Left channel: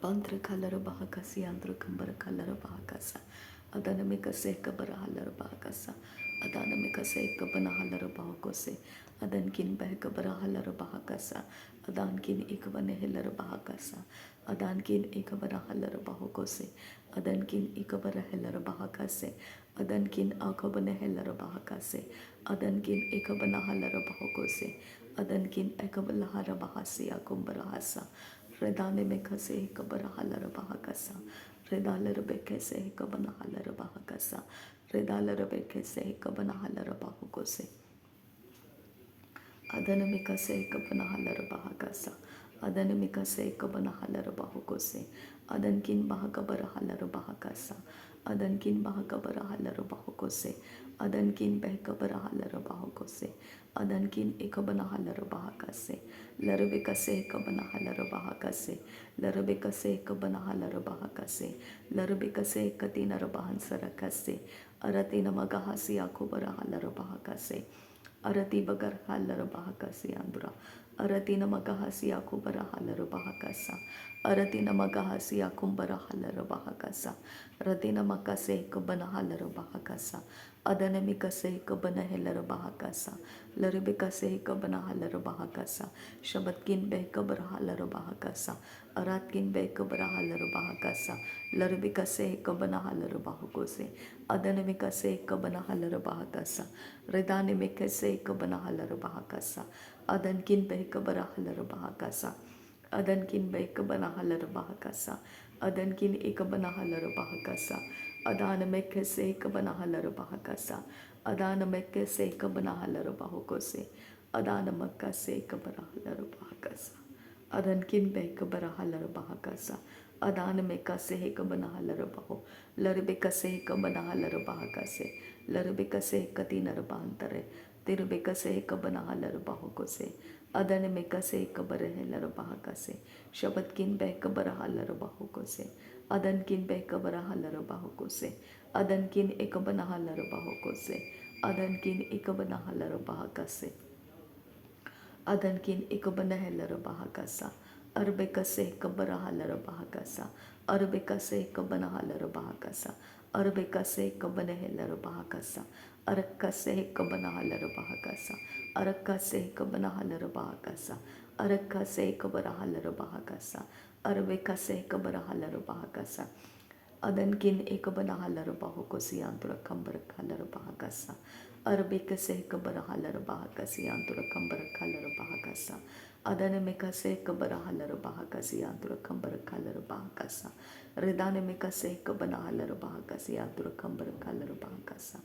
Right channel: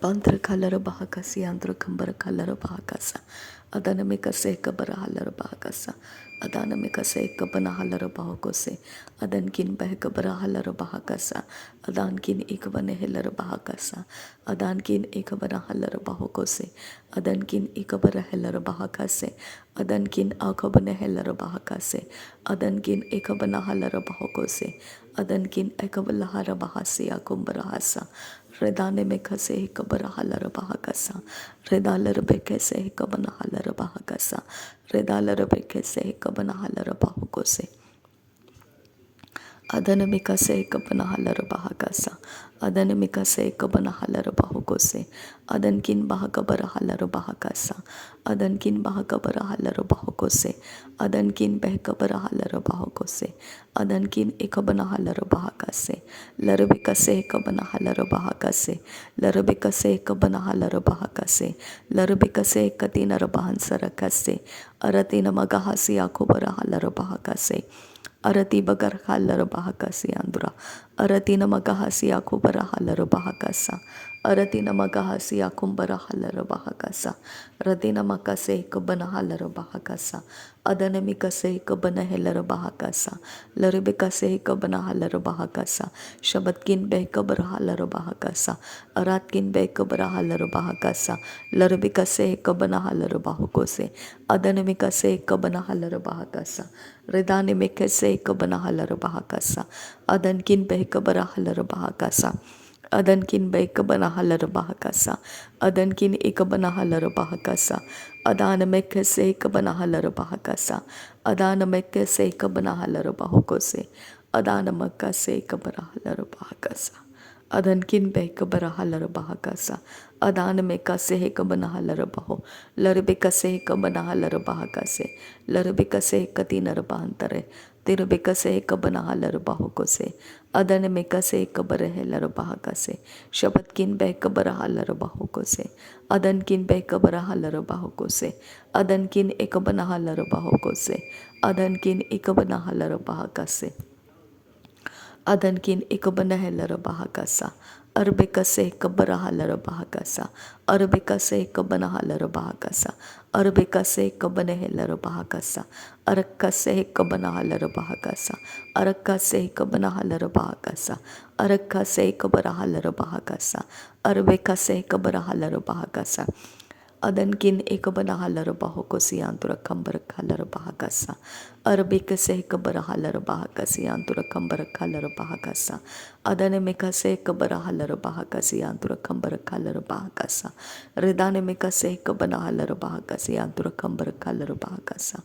Bantra kalara bahakasi andra kambara kalara bahakasa. Adana mikase kabara halara bahakasa. Adana mikase kabana halara bahakose. Adan kin bahakabara halara bahakasa. Adan kin ikabane helara bahakasa. Adan kin ikabana halara bahakose. Adan kin ikabara helara bahakase. Adan kin akabane helara bahakase. Adan kin ikabana halara bahakose. Adan kin ikabala hara bahasi akumbara hasa. Redane me kase kabara halara bahakasa. Redalar be kese kabana halara bahakasa. Redalar be kese kabana halara bahukose. Adanamika se kabana halara bahakasa. Adanamika se kabana halara bahukose. Adankin bahakabara halara bahakasa. Adankin bahakabara halara bahukose. Adankin behkabara halara bahukose. Adankin ekabana halara bahakase. Larabika se kabana halara bahakase. Larabika se kabana halara bahakase. Larabika se katina rabahansara kase. Aratina magahasi akubara halara bahakase. Arati bagar halar bahakasi andura. Arati namagahasi akubara halar bahakasa. Arati namagahasi akumbara halar bahakasa. Rati namakase kabana halar bahakasa. Adanamikase kabana helar bahakasa. Laribikase kabana halar bahakasa. Shabatkin be kabara halar bahakasa. Aratkin be kabara halar bahakasa. Laribikase kabana halar bahukose. Adanamikase kabana halar bahakasa. Redane mekese kabana halar bahakasa. Adankin behkabara halar bahakasa. Adankin behkabana halar bahakasa. Adankin ikabana halar bahakasa. Adana mekese kabana halar bahakasa. Adana mekese kabana halar bahukose. Adana makase kabara halar bahakasa. Adankin behkabara halar bahakasa. Adana mekase kabana halar baho. Larbekase kabana halar bahakase. Larbekase katinar bahantare. Tirbekase kabana halar bahukose. Adana mekase kabara halar bahakase. Shabatkin behkabara halar bahukose. Adankin behkabara halar bahukose. Adankin ekabana halar bahukose. Adankin ekabana halar bahakase. Adankin ikabana helara bahakasa. Arbekase kabara halara bahakasa. Arbekase kabana halara bahakasa. Arbekase kabana helara bahakasa. Arakase kabana halara bahakasa. Arakase kabana halara bahakasa. Arakase kabara halara bahakasa. Arbekase kabara halara bahakasa. Adankin ekabana halara bahukosi antura kambara halara bahakasa. Arabikase kabara halara bahakasi antura kambara halara bahakasa. Adane mikase kabara halara bahakasi antura kambara halara bahakasa. Redane mikase kabana halara bahakasi antura kambara halara bahakasa.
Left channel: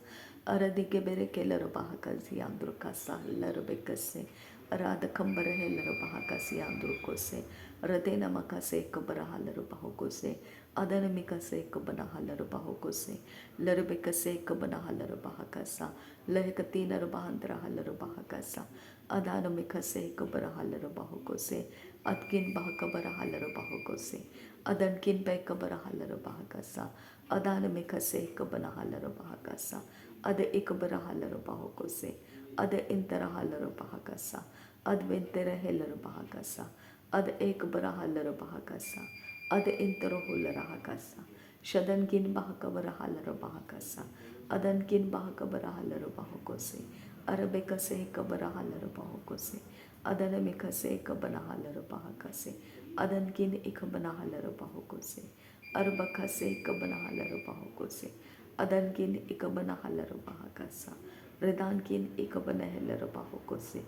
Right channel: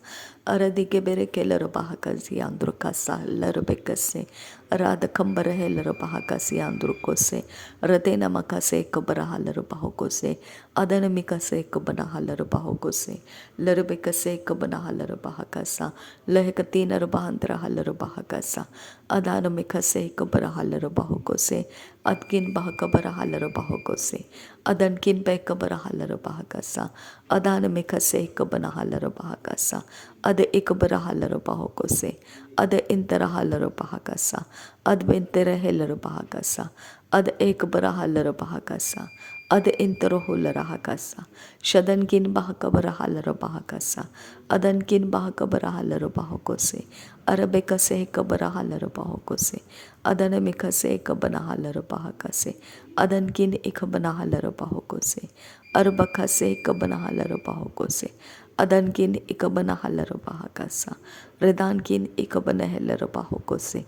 Aradike bere kelara bahakasi antura kasa larabekase. Arada kambara helara bahakasi antura kose. Radena makase kabara halara bahukose. Adana mikase kabana halara bahukose. Larabekase kabana halara bahakasa. Lehkatina rabahantra halara bahakasa. Adana mikase kabara halara bahukose. Adkin bahakabara halara bahukose. Adankin bekabara halara bahakasa. Adana mikase kabana halara bahakasa. Ada ikabara halara bahukose. Ada intera halara bahakasa. Adventera helara bahakasa. Ada ekabara halara bahakasa. Ada intero hulara hakasa. Shadankin bahakabara halara bahakasa. Adankin bahakabara halara bahukose. Arabekase kabara halara bahukose. Adanamikase kabana halara bahakase. Adankin ikabana halara bahukose. Arbakase kabana halara bahukose. Adankin ikabana halara bahakasa. Redankin ikabana halara bahukose.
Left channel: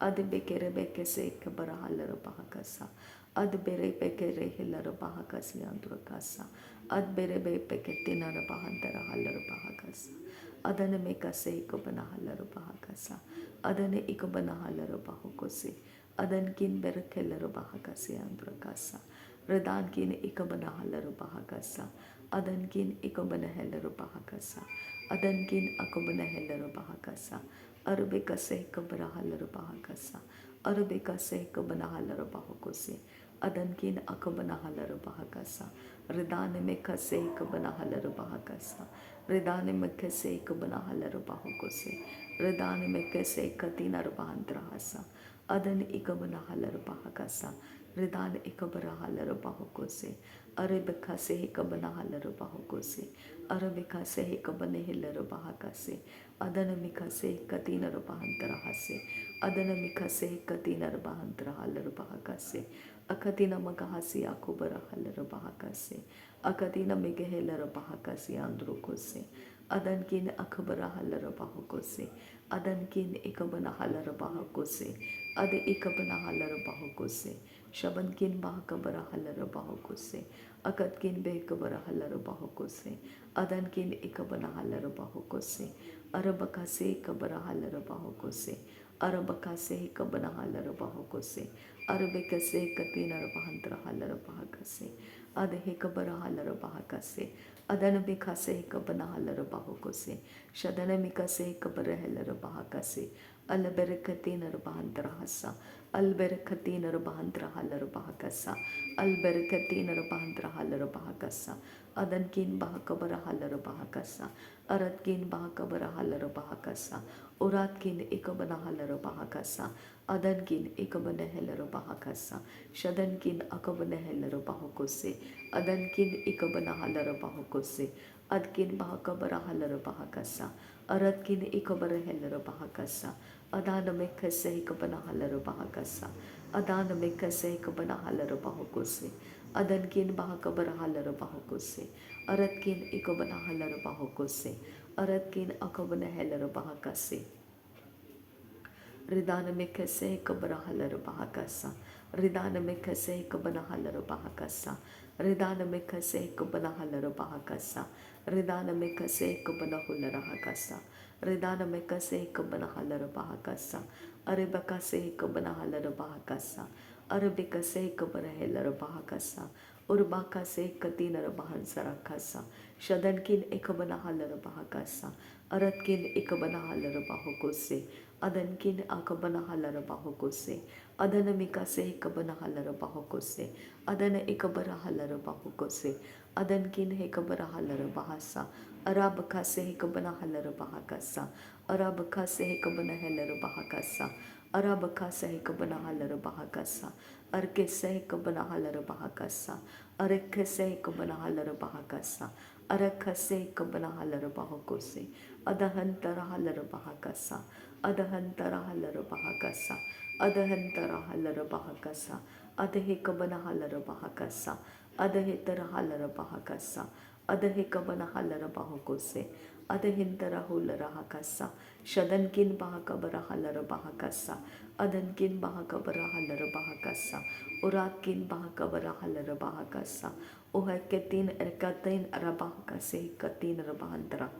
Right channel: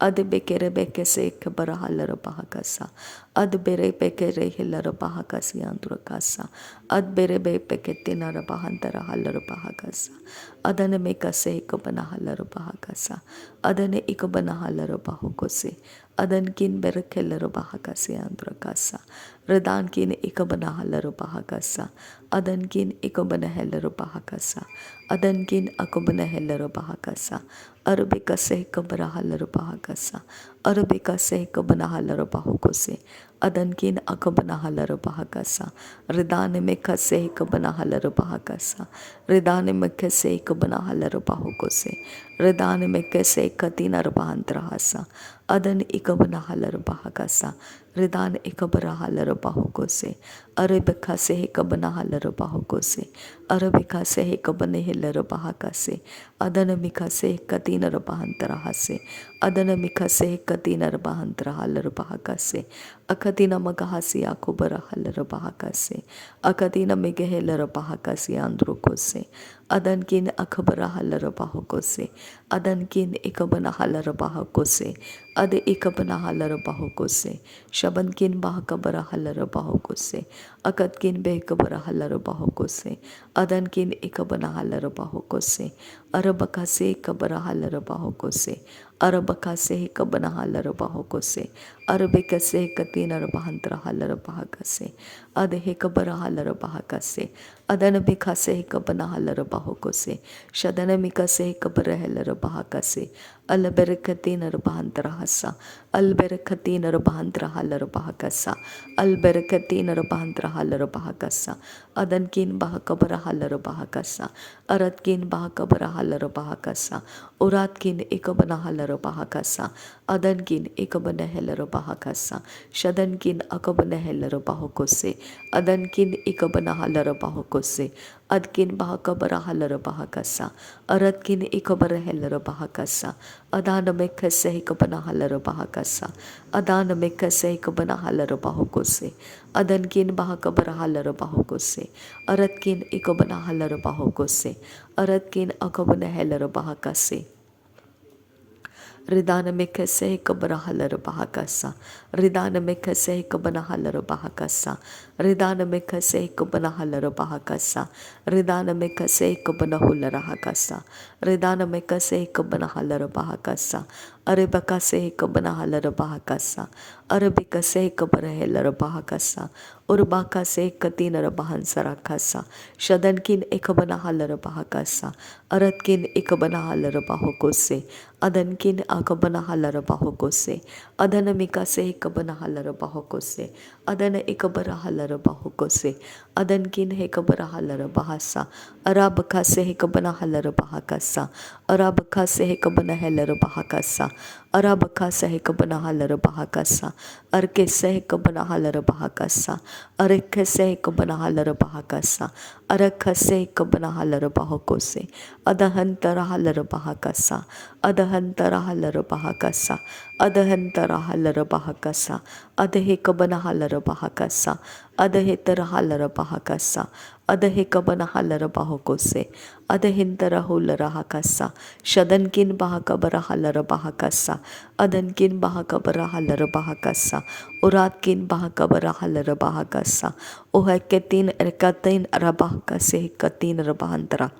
Ad bekere bekese kabara halara bahakasa. Ad bere bekere hilara bahakasi andrakasa. Ad bere be peketina bahantara halara bahakasa. Adane mekase kabana halara bahakasa. Adane ikabana halara bahukose. Adan kin berekelara bahakasi andrakasa. Redan kin ikabana halara bahakasa. Adan kin ikabana halara bahakasa. Adan kin akabana halara bahakasa. Arabika se kabara halara bahakasa. Arabika se kabana halara bahukose. Adankin akabana halara bahakasa. Ridane meka se kabana halara bahakasa. Ridane meka se kabana halara bahukose. Ridane meka se katina bahantrahasa. Adan ikabana halara bahakasa. Ridan ikabara halara bahokose. Arabika se hikabana halara bahokose. Arabika se hikabane hilara bahakase. Adanamika se katina rabahantara hase. Adanamika se katina rabahantara halara bahakase. Akadina magahasi akubara halara bahakase. Akadina megehelara bahakase androkose. Adankin akabara halara bahokose. Adankin ikabana halara bahakose. Ade ikabana halara bahokose. Shabankin bahakabara halara bahokose. Akatkin behkabara halara bahokose. Adankin ikabana halara bahokose. Arabakase kabara halara bahokose. Arabakase kabana halara bahokose. Arabikase katina rabahantra halara bahakase. Ade kabara halara bahakase. Adanabikase kabana halara bahokose. Shadanamikase kabara halara bahakase. Alberkatina rabahantra hasa. Alberkatina rabahantra halara bahakasa. Alberkatina rabahantra halara bahakasa. Adankin bahakabara halara bahakasa. Aratkin bahakabara halara bahakasa. Uratkin ikabana halara bahakasa. Adankin ikabana halara bahakasa. Shadankin akabana halara bahakose. Adankin ikabana halara bahakose. Adkin bahakabara halara bahakasa. Aratkin ikabara halara bahakasa. Adana mekase ikabana halara bahakasa. Adana mekase ikabana halara bahakose. Adankin bahakabara halara bahakose. Aratkin ikabana halara bahakose. Aratkin akabana halara bahakase. Ridana mekase kabana halara bahakasa. Ridana mekase kabana halara bahakasa. Ridana mekase kabana halara bahakasa. Ridana mekase kabana hulara hakasa. Ridana mekase kabana halara bahakasa. Arabakase kabana halara bahakasa. Arabikase kabara halara bahakasa. Urbakase katina bahansara kasa. Shadankin ekabana halara bahakasa. Aratkin ekabana halara bahokose. Adankin akabana halara bahokose. Adanamika se kabana halara bahokose. Adana ikabara halara bahokose. Adankin hekabara halara bahasa. Arabaka se hekabana halara bahakasa. Arabaka se hekabana halara bahakasa. Arabaka se hekabana halara bahakasa. Arke se hekabana halara bahakasa. Arke se hekabana halara bahakasa. Arakha se hekabana halara bahokose. Adahantara halara bahakasa. Adahantara halara bahakasa. Adahantara halara bahakasa. Adahe kabana halara bahakasa. Adahe tara halara bahakasa. Adahe kabana halara bahokose. Adahintara hulara hakasa. Shadankin bahakabara halara bahakasa. Adankin bahakabara halara bahakasa. Uratkin bahakabara halara bahakasa. Uhaketin erkatin arabahakase katin rabahantara.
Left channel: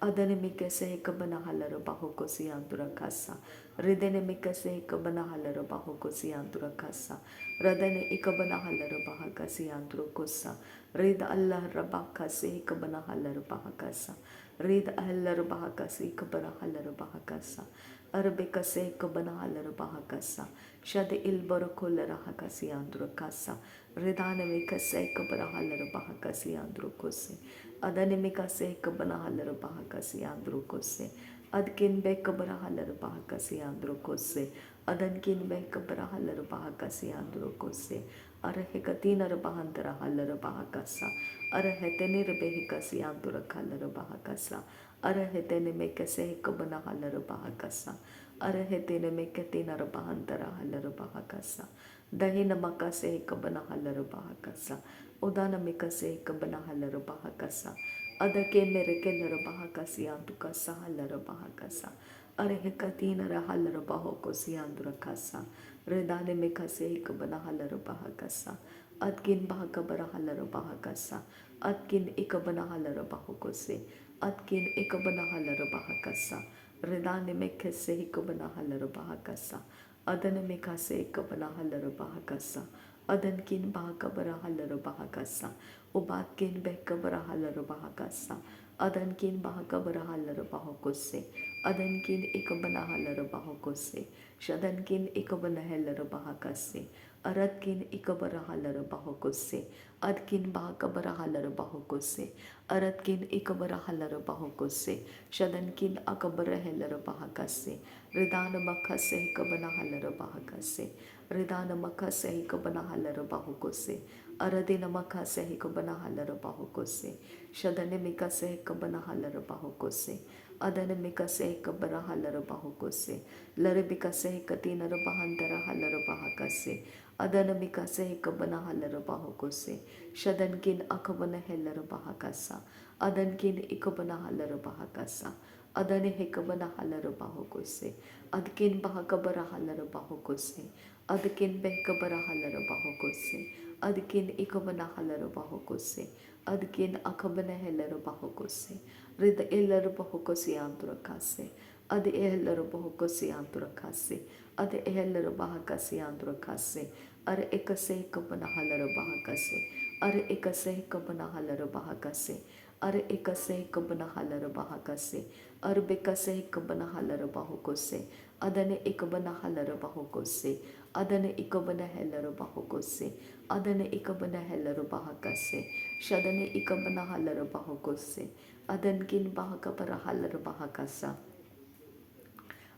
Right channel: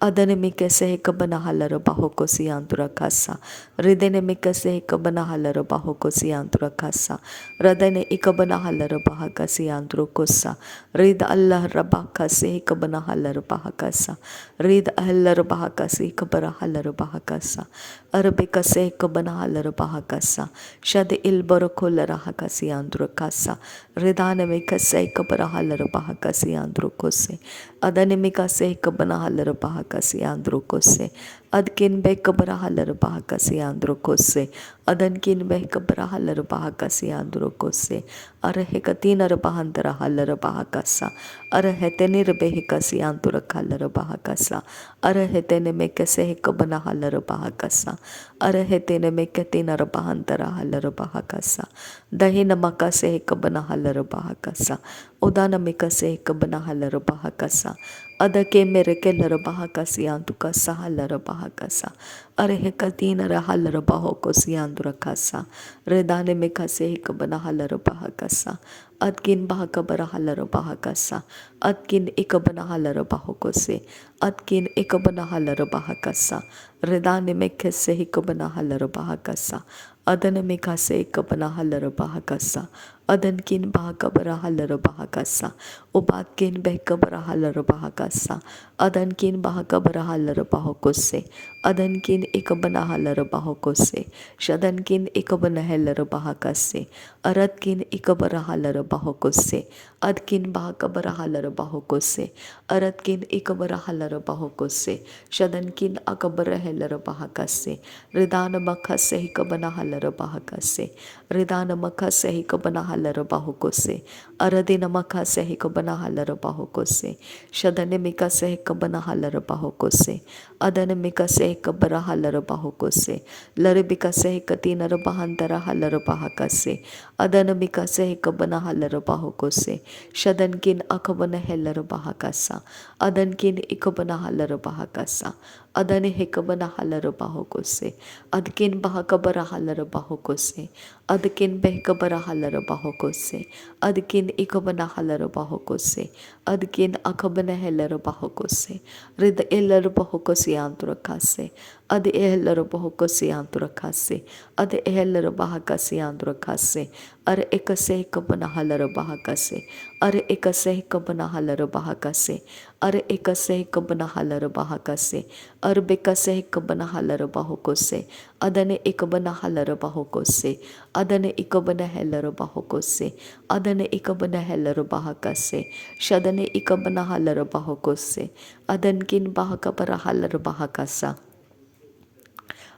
Adanimika se kabana halara bahokosi antura kasa. Ridenimika se kabana halara bahokosi antura kasa. Radane ikabana halara bahakasi anturu kosa. Rid Allah rabaka se kabana halara bahakasa. Rid Allah bahakasi kabara halara bahakasa. Arabika se kabana halara bahakasa. Shad il barakola hakasi antura kasa. Ridanimika se kabara halara bahakasi anturu kose. Adanimika se kabana halara bahakasi andro kose. Adkin be kabara halara bahakasi andro kose. Adankin be kabara halara bahakasi andro kose. Arahekatina bahantara halara bahakasa. Araheteni rebehikasi antura halara bahakasa. Arahetene mekase kabana halara bahakasa. Arahetene mekatina bahantara halara bahakasa. Dahina makase kabana halara bahakasa. Udana mikase kabana halara bahakasa. Adake mereke lara bahakasi antuka sahalara bahakasa. Arehekatina halara bahokosi andura kasa. Redane mikase kabana halara bahakasa. Adkin bahakabara halara bahakasa. Adkin ikabana halara bahokose. Adkin ikabana halara bahakasa. Redane mekase hikabana halara bahakasa. Adana mikase kabana halara bahakasa. Adankin bahakabara halara bahakasa. Ubatkin behkabara halar bahakasa. Adankin bahakabara halar bahokose. Adankin ikabana halar bahokose. Shadankin ikabana halar bahakase. Aratkin ikabara halar bahokose. Adkin bahakabara halar bahokose. Aratkin ikabara halar bahokose. Shadankin akabara halar bahakase. Ridana makase hikabana halar bahakase. Ridana makase hikabana halar bahokose. Aradina makase hikabana halar bahokose. Shadanimika se hikabana halar bahokose. Adanimika se hikabara halar bahokose. Laribika se hikatina bahantara halar bahakase. Adanamika se hikabana halar bahokose. Shadankin akabana helar bahakasa. Adankin ikabana halar bahakasa. Adani hikabana halar bahokose. Adkin bahakabara halar bahokose. Adkin behkabara halar bahokose. Adkin ikabana halar bahokose. Adkin akabana helar bahokose. Rid elar bahokose antrakase. Ad elar bahokose antrakase. Ad elar bahakase antrakase. Ar ekase kabana halar bahakase. Ar ekase kabana halar bahakase. Ar ekase kabana halar bahakase. Ar bekase kabana halar bahokose. Adane ikabana halar bahokose. Adane ikabana helar bahokose. Adane ikabana helar bahakase. Shadane ikabana halar bahokose. Adankin bahakabara halar bahakasa.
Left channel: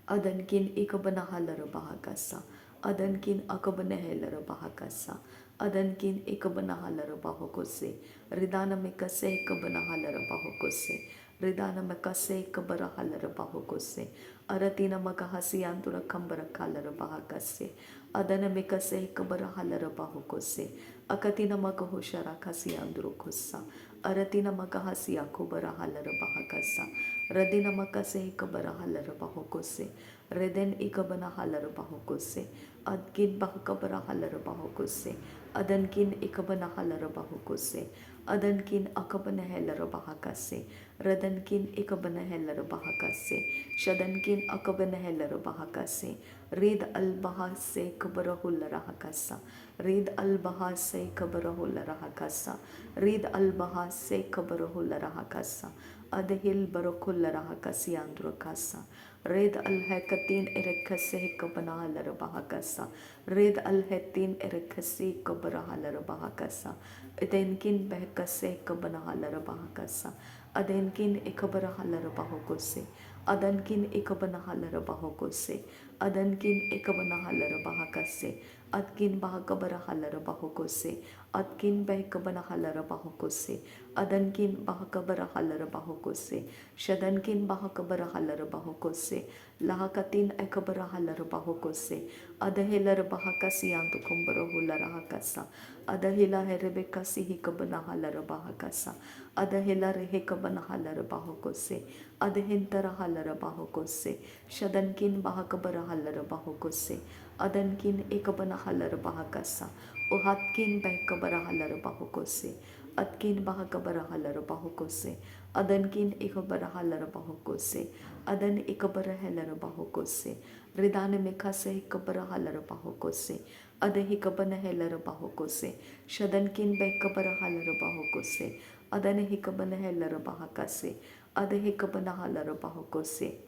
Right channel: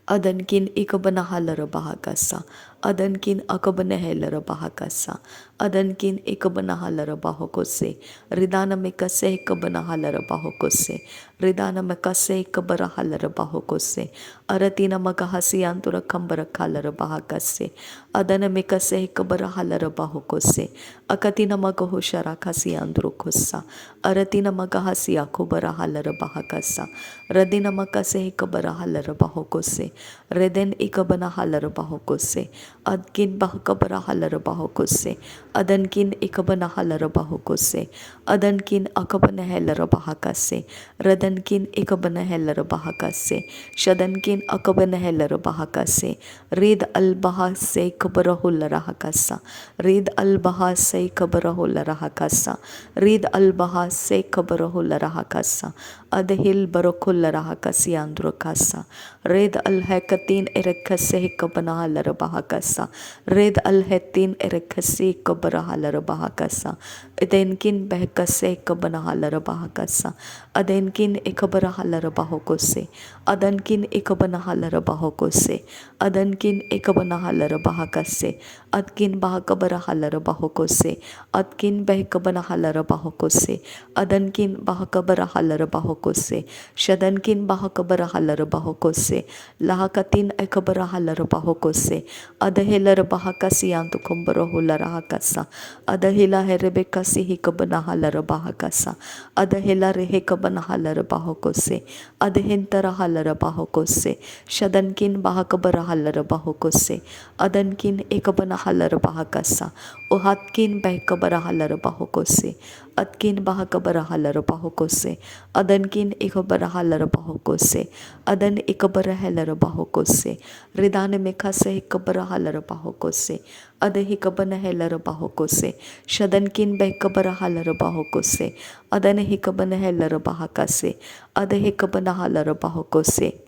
Adankin ikabana halar bahakasa. Adankin akabana helar bahakasa. Adankin ikabana halar bahokose. Ridana mikase ikabana halar bahokose. Ridana mikase ikabara halar bahokose. Aratina makahasi antura kambara halar bahakase. Adana mikase ikabara halar bahokose. Akatina magahushara kasi andrukosa. Aratina magahasi akubara halar bahakasa. Radina makase ikabara halar bahokose. Reden ikabana halar bahokose. Adkin bahakabara halar bahokose. Adankin ikabana halar bahokose. Adankin akabana helar bahakase. Radankin ikabana helar bahakase. Shadankin akabana helar bahakase. Rid al bahase kabara hular hakasa. Rid al bahase kabara hular hakasa. Rid al bahase kabara hular hakasa. Adhil barokular hakasi androkasa. Red al hekatin erekase hikabana halar bahakasa. Red al hetin erekasi kabara halar bahakasa. Adenkin behkase kabana halar bahakasa. Adenkin ikabara halar bahokose. Adankin ikabana halar bahokose. Adankin ikabana halar bahakase. Adkin bahakabara halar bahokose. Adkin behkabana halar bahokose. Adankin bahakabara halar bahokose. Shadankin bahakabara halar bahokose. Lahakatin ekabara halar bahokose. Adahelar bahakasi antukumbara hular hakasa. Adahila herebekasi hikabana halar bahakasa. Adahila rehekabana halar bahokose. Adahintara halar bahokose. Shadankin bahakabara halar bahokose. Adankin ekabana halar bahakasa. Uhatkin behkabara halar bahokose. Atkin bahakabara halar bahokose. Adankin ikabara halar bahokose. Adan ikabara halar bahokose. Ridane mekase ikabara halar bahokose. Adahikabana helar bahokose. Shadankin behkabara halar bahokose. Adane hikabana helar bahakase. Adahikabana halar bahokose.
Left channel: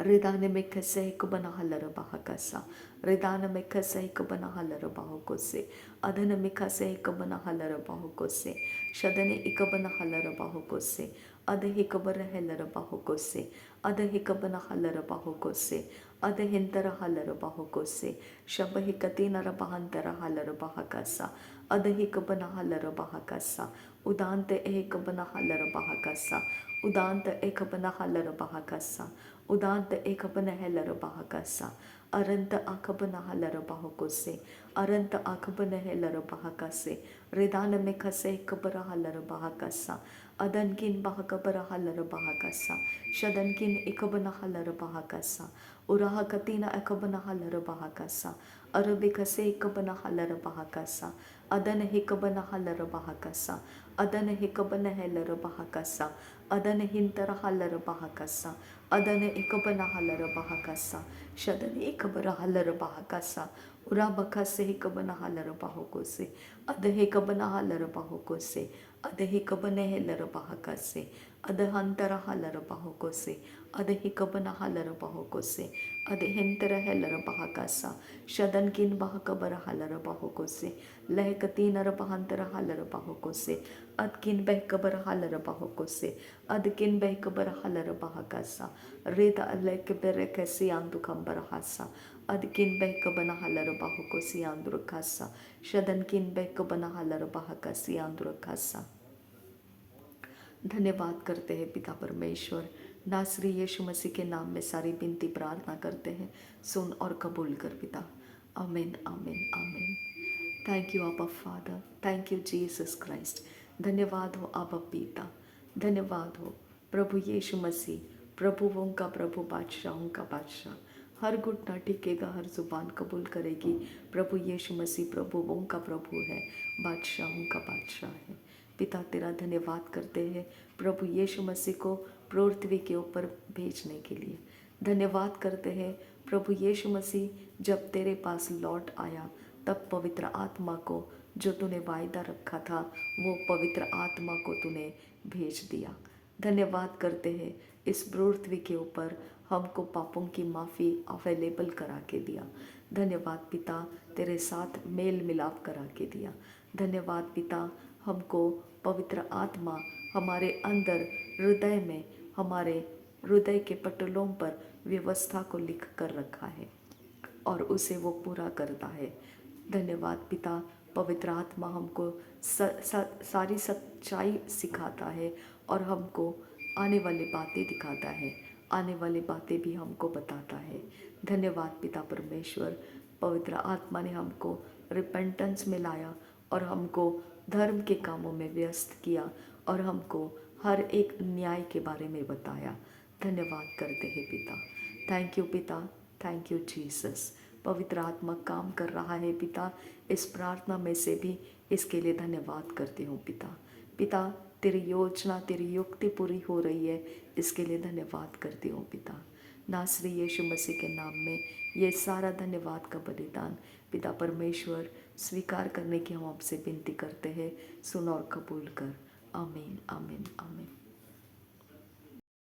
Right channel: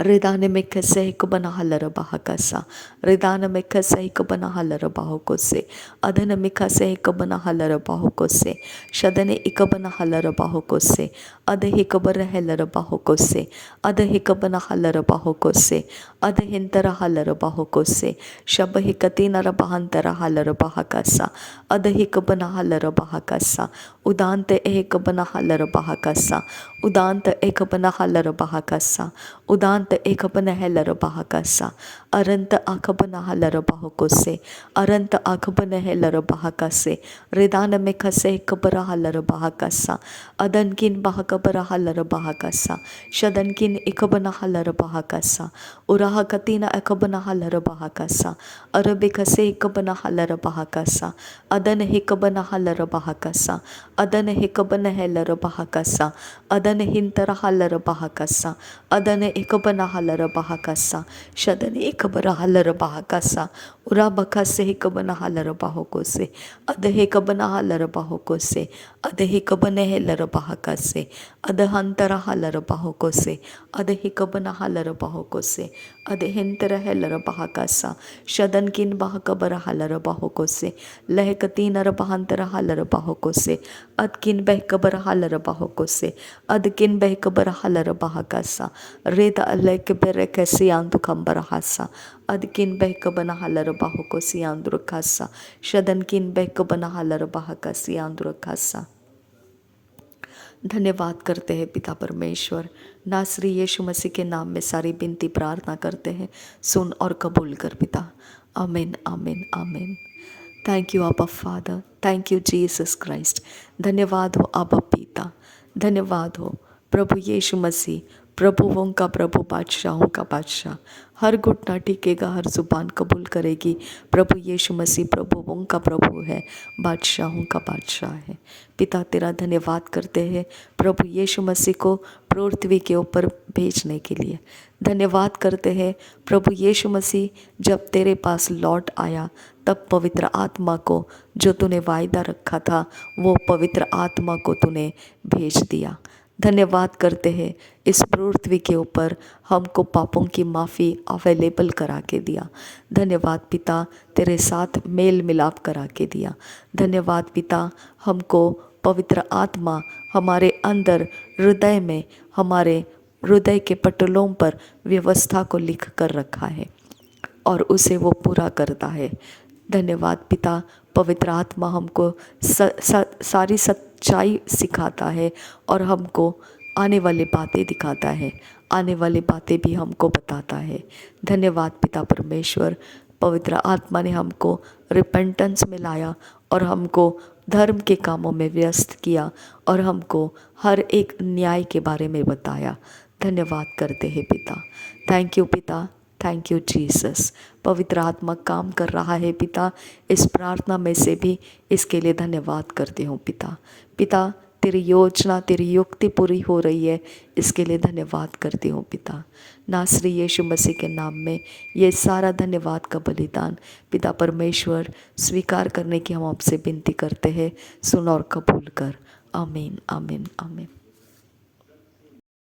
Ridana mekase hikabana halar bahakasa. Ridana mekase hikabana halar bahokose. Adana mekase hikabana halar bahokose. Shadane ikabana halar bahokose. Adahikabara helar bahokose. Adahikabana halar bahokose. Adahintara halar bahokose. Shabahikatina bahantara halar bahakasa. Adahikabana halar bahakasa. Udante ekabana halar bahakasa. Udanta ekabana halar bahakasa. Udanta ekabana helar bahakasa. Aranta akabana halar bahokose. Aranta akabana helar bahakase. Ridana mekase kabara halar bahakasa. Adankin bahakabara halar bahakasa. Shadankin ekabana halar bahakasa. Urahakatina ekabana halar bahakasa. Arabikase ekabana halar bahakasa. Adana hikabana halar bahakasa. Adana hikabana helar bahakasa. Adana hintara halar bahakasa. Adana ikabana halar bahakasa. Shadana ikabara halar bahakasa. उरा बखा से ही कबना hauler बाहोको से अदहे कबना hauler बाहोको से अदहे कबने है लर बाहका से अदहंतरा hauler बाहोको से अदहे कबना हालर बाहोको से अदहेंतर है लर बाहका सा शदन किन बाह कबर हालर बाहोको से लहकती नर बहंतर हालर बाहोको से अद किन बह कबर हालर बाहोको से अद किन बह कबर हालर बाहका सा रेत अल्लाह के बेरे कैसे आंतु खंबर हासा अदकिन बहक बना हलर बाहुको सियांद्र खासा शदन किन बहक बना हलर बाहका सियांद्र खासा। धन्यवाद करते हैं पिता परमेश्वर। नासरी यीशु मसीह के नाम में सारी विनती प्रार्थना करते हैं, सुन और कबूल कर पिता। आमीन आमीन आमीन। थैंक यू आबा father, thank you Jesus Christ. धन्यवाद हो आबा पिता, धन्यवाद हो प्रभु यीशु मसीह, प्रभुओं का प्रभु, बादशाहों का बादशाह। हर घुटना टिकेगा, हर जुबान कबूल करेगी प्रभु यीशु मसीह प्रभुओं का प्रभु है, बादशाहों का बादशाह है। पिता तेरा धन्यवाद करते हैं प्रभु यीशु मसीह को पृथ्वी के ऊपर भेजने के लिए। धन्यवाद करते हैं प्रभु यीशु मसीह जब तेरे पास लौट आया तब पवित्र आत्मा को जो तूने वायदा रखा था वो पवित्र आत्मा को तूने भेज दिया। धन्यवाद करते हैं इस पृथ्वी के ऊपर हमको पापों की माफ़ी अवेलेबल करा के दिया। धन्यवाद पिता तेरे साथ मेल मिलाप करा के दिया। धन्यवाद पिता हमको पवित्र आत्मा हमारे अंदर हृदय में, हमारे हृदय के पटलों पर व्यवस्था को लिख कर रखा है और उसे वो पूरा करता है। धन्यवाद पिता पवित्र आत्मा हमको सारी सच्चाई सिखाता है और हमको आने वाली बातें दिखाता है, आने वाली बातें भी हमको बताता है। धन्यवाद पिता परमेश्वर, पवित्र आत्मा ने हमको रिपेंटेंस में लाया और हमको धर्म के कामों में व्यस्त किया और हमको हर एक न्याय के बारे में बताया। धन्यवाद करते हैं पिता। थैंक यू पिता, थैंक यू जीसस। पवित्र आत्मा काम कर रहा है पिता इस प्रार्थना में से भी, इसके लिए धन्यवाद करती हूँ पिता। पिता तेरी योजना, तेरी युक्ति पूरी हो रही है, इसके लिए धन्यवाद करती हूँ पिता। नासरी यीशु मसीह के नाम में ये सारा धन्यवाद का बलिदान पिता परमेश्वर स्वीकार करने की हम आपसे विनती करते हैं, सुन और कबूल कर। आमीन आमीन आमीन।